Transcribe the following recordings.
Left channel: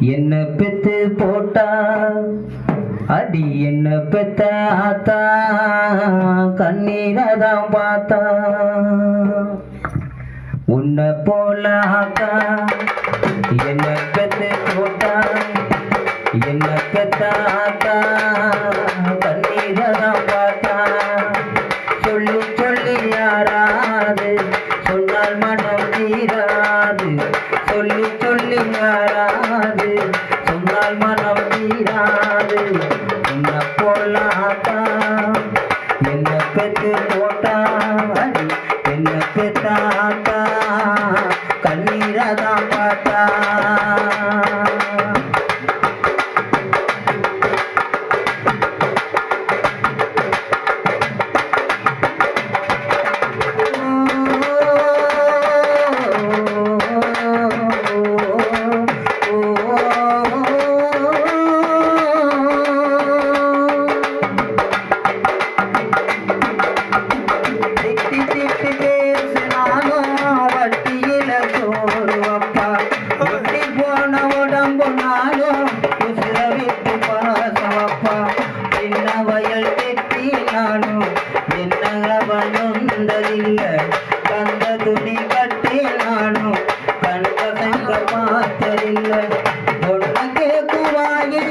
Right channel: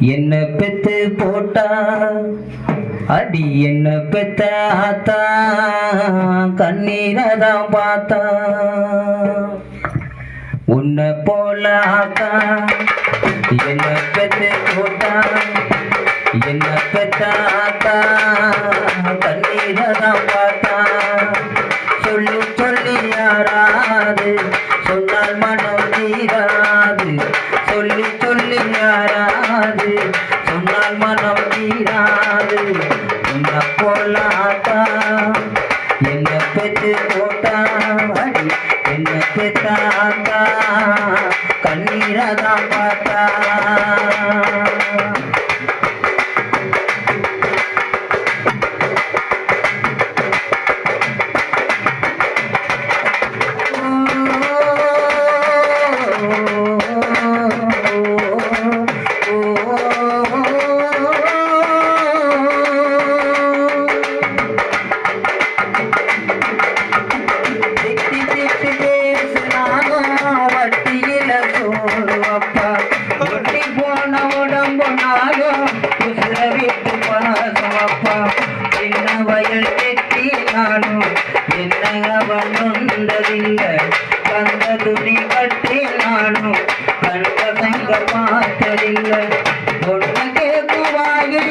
என்ன பெத்து போட்டா? அடி என்ன பெத்தாத்தா ஆத்தா தான் பார்த்தா. உன்னை போலாத்தா என்ன பெத்து போட்டா. என்ன பெத்தாத்தா ஆத்தா தான் பார்த்தா. சொல்லி சொல்லி யாரா? என்ன பெத்து போட்டா சின்ன வயல் வெட்டினாலும் என்ன அவன் நொந்ததில்லை கந்த துணி கட்டினாலும் கண்ட கண்ட பார்த்ததில்லை ஒன்று கேட்குவாயில்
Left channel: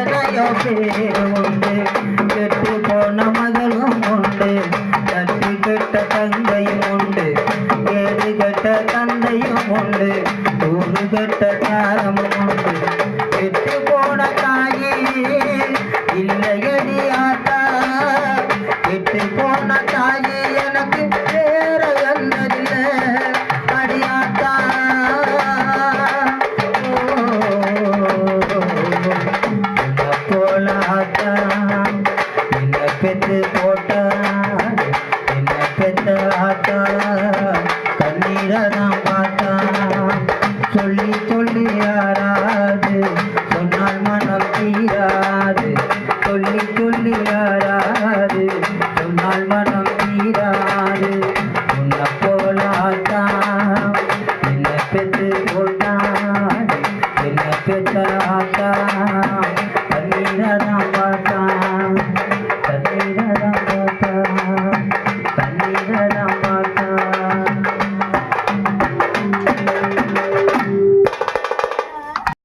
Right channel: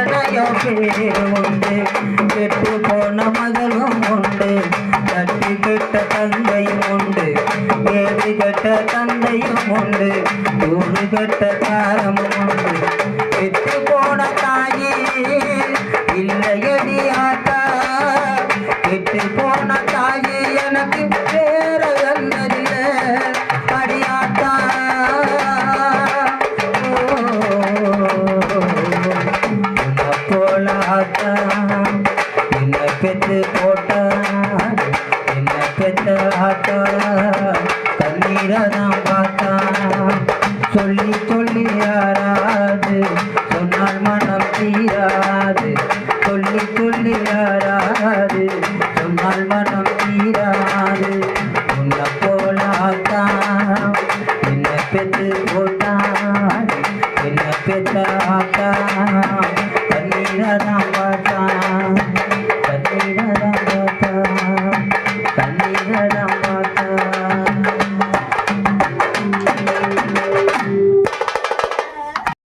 போட்டா உண்டு கெட்டு போன மகளும் உண்டு. கெட்ட தந்தையும் உண்டு. வேறு கெட்ட தந்தையும் உண்டு. தூது கெட்ட காலமும் உண்டு. போன தாயே இல்லையடி ஆத்தா. கெட்டு போன ராஜா என்ன பெற்று போட்டா என்ன பெற்ற ஆட்டா தண்ணீரதான் பார்த்தா சொல்லி சொல்லி யாராது சொன்னால் மனம் தீராது சொல்லி சொல்லி யாராது சொன்னால் மனம் தீராது உன்னை போலாத்தா என்ன பெற்று போட்டா என்ன Krishna